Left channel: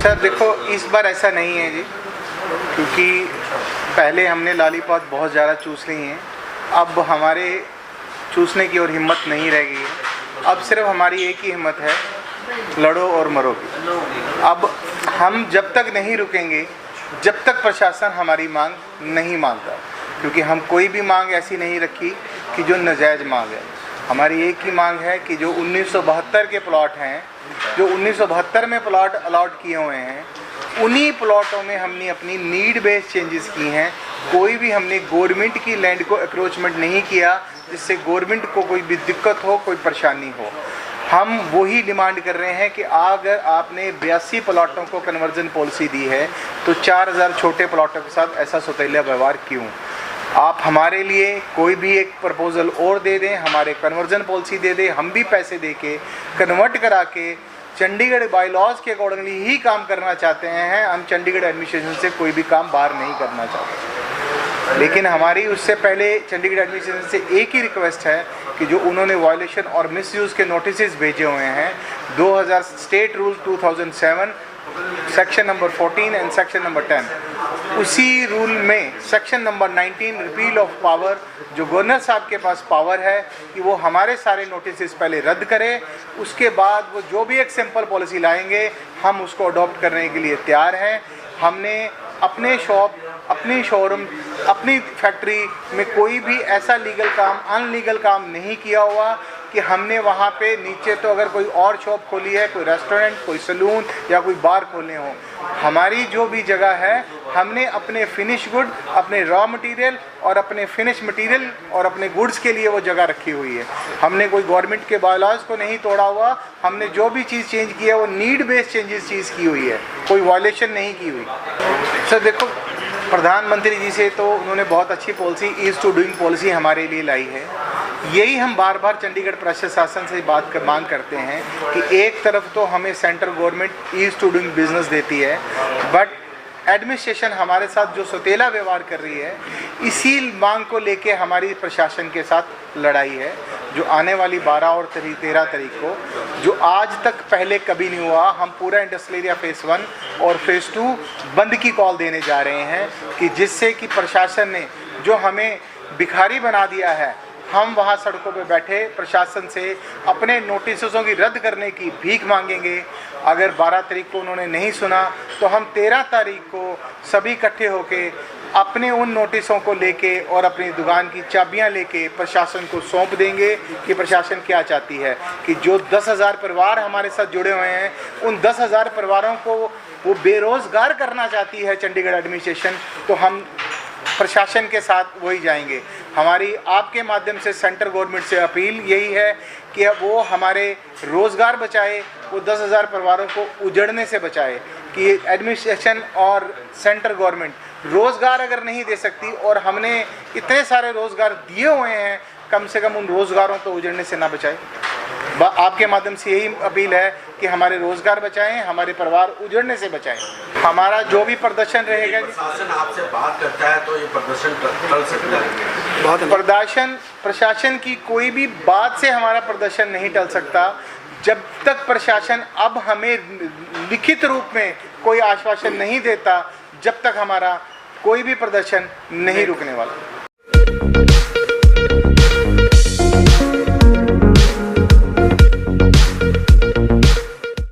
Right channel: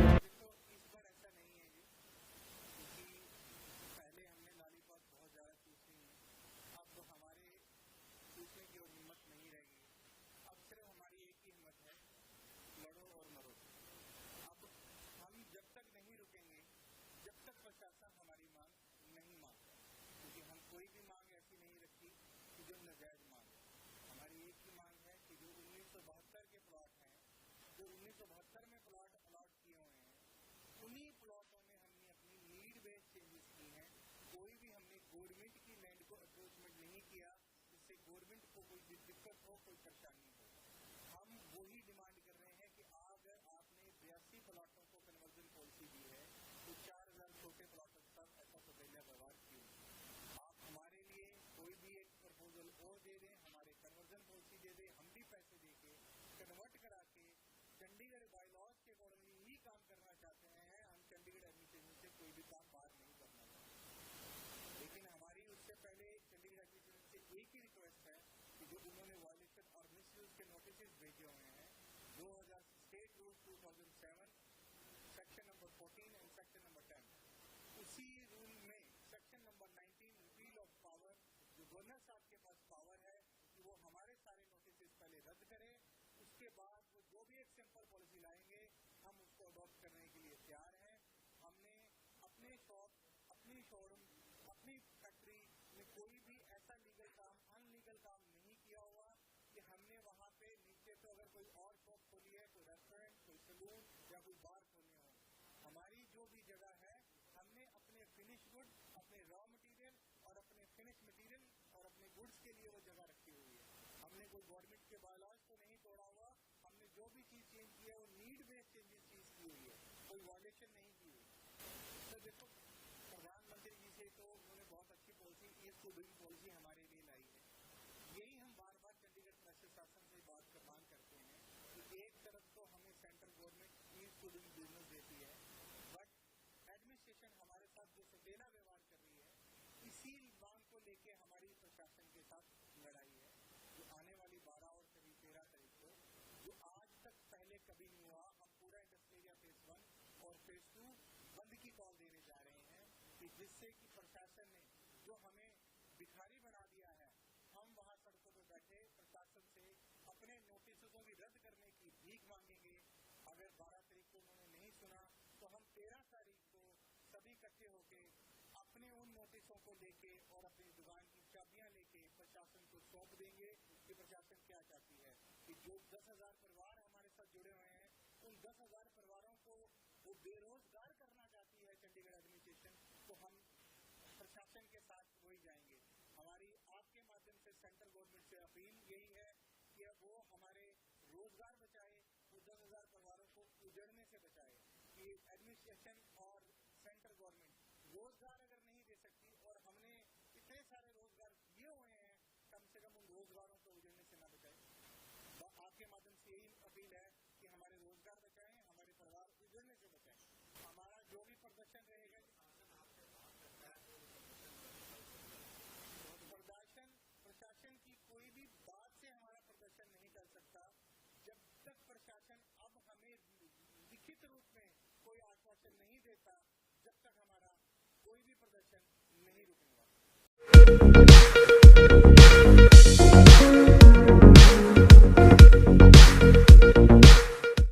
Sir देखो, इस बार ऐसा नहीं है जी, क्योंकि पहले हमने लॉलीपॉप बहुत ज़्यादा चूस ली हैं। अब हमारे चूसने की और हिम्मत नहीं रह गई है। अब सिर्फ हमारी एक ही हिम्मत है, लड़ो और मरो की। अब हम जब तक नहीं रुकेंगे, जब तक प्रशासन हमारी मांग नहीं मानता, क्योंकि हम कोई भी मांग ऐसी नहीं रखी कि जो नाजायज़ मांग है। हमारी एक ही मांग है कि जो 1972 के प्लॉट हैं, जो 1972 में प्लॉट अलॉट किए हुए हैं, उन्हीं प्लॉटों में हमने अपनी नीड बेस्ड चेंजेस की हैं। कोई भी हमने गवर्नमेंट की लैंड को अक्रोचमेंट नहीं किया जिससे गवर्नमेंट को कोई भी दिक्कत हो, कोई परेशानी हो। हम वही डिमांड कर रहे हैं कि अगर आपने 82 प्लॉटों को कन्वर्जन पॉलिसी दी है तो 4000 छोटे प्लॉटों के साथ ऐसा सौतेला व्यवहार क्यों? आप हमारे लिए कोई भी एक प्रपोजल और दे दें, हमारे कन्वर्जन पॉलिसी दे दें, हम भी पैसे दे के कन्वर्ट करा के चंडीगढ़ बाई लॉज के अकॉर्डिंगली ही काम करना चाहते हैं। हम चंडीगढ़ एडमिनिस्ट्रेशन से कोई भी काम बाहर नहीं करना चाहते। लेकिन हमारी उससे पहले चंडीगढ़ एडमिनिस्ट्रेशन से एक ही रिक्वेस्ट है कि जो उन्होंने वायलेशन और मिसयूज़ के नोटिस भेजे हुए हैं 2000 state rule 2007 section number 14 and section number 10, उसी रूल में section number 19 repeal of power, जो गवर्नर साहब के पास पावर है कि वो हमारे सारे नोटिस पहले रद्द करें, उसके बाद वो जो भी एक सिंपल पॉलिसी लाएंगे हम उसको अडॉप्ट करने के लिए तैयार हैं। हमने अपने शॉप, अपनी शोरूम, अपनी फैक्ट्री में कोई भी ऐसा लीगल काम, अनलीगल काम नहीं किया हुआ कि हमने वहाँ पे नीचे तो अगर कोई और शॉप खोली है, कोई रेस्टोरेंट, कोई सलून या कोई बार खोले हों। हमारी जो भी जगह है, हमने अपने फिनिश गुड, अपने रॉ मटेरियल और अपने फिनिश मटेरियल और अपने गुड्स के लिए वो जगह रखी हुई है। हमने कोई गवर्नमेंट के बायलॉज को नहीं तोड़ा हुआ। हमने जो भी चीज़ चेंज की है वो नीड बेस्ड चेंजेस चीज़ की हुई है, कोई वायलेशन नहीं की हुई। सर देखो, प्रधानमंत्री जी से तो उन्होंने बहुत अच्छी policy, ease to doing policy हमारे लिए लाई है। यही हम बार बार चंडीगढ़ प्रशासन से मांग करते हैं कि एक तरफ तो हमें central government ease to doing business देती है, बट एडमिनिस्ट्रेशन हमारे साथ जो सौतेला व्यवहार कर रही है, इसी मांग को लेके हमारी प्रशासन के साथ लड़ाई है, जो आने वाली 12 और 13 तारीख को, जो आज तक पहले कभी नहीं हुआ। हम पूरा इंडस्ट्रियल एरिया फेज़ 1 और फेज़ 2 बंद की कॉल देने जा रहे हैं कि जिससे कि प्रशासन ने जो हमें भिखारी बना दिया है, हम वहाँ सड़कों पे बैठे प्रशासन से अपने नोटिसों की रद्द करने की भीख मांगेंगे। अगर 12 तारीख को उन्होंने नहीं सुना तो हम 13 तारीख को सभी इकट्ठे होके अपने उन नोटिसों को लेके और अपनी दुकान की चाबियां लेके प्रशासन को सौंप देंगे कि प्रशासन क्या चाहती है कि जो 10,000 परिवार हमारे साथ जुड़े हुए हैं, उन 10,000 परिवारों को वो बेरोज़गार करना चाहती है चंडीगढ़ एडमिनिस्ट्रेशन, तो हम प्रशासन के साथ वही जाएंगे। हमारी आपके माध्यम से सेंट्रल गवर्नमेंट से अपील यही है कि अब वो हमारे रोज़गार बचाए, वो 10,000 परिवारों को उजड़ने से बचाए। कि एडमिनिस्ट्रेशन और सेंट्रल गवर्नमेंट रोज़गार अगर नहीं दे सकती और हमने इतने सारे रोज़गार दिए हुए हैं, कम से कम उन रोज़गारों को उजड़ने से ना बचाए। आपके माध्यम से यही अपील है कि हमारे रोज़गार बचाएं, हमारे परिवार उजड़ने से बचाएं। हमारा जो भी प्रदर्शन रहेगा, प्रशासन आपसे बात करता है तो ये प्रदर्शन टल सकता है। प्रशासन की कोई भी बात से हमारा प्रदर्शन नहीं टल सकता जब तक प्रशासन अब हमें लिखित रूप में कोई आश्वासन नहीं देता, जब तक हमारा कोई भी प्रदर्शन नहीं रुकने वाला।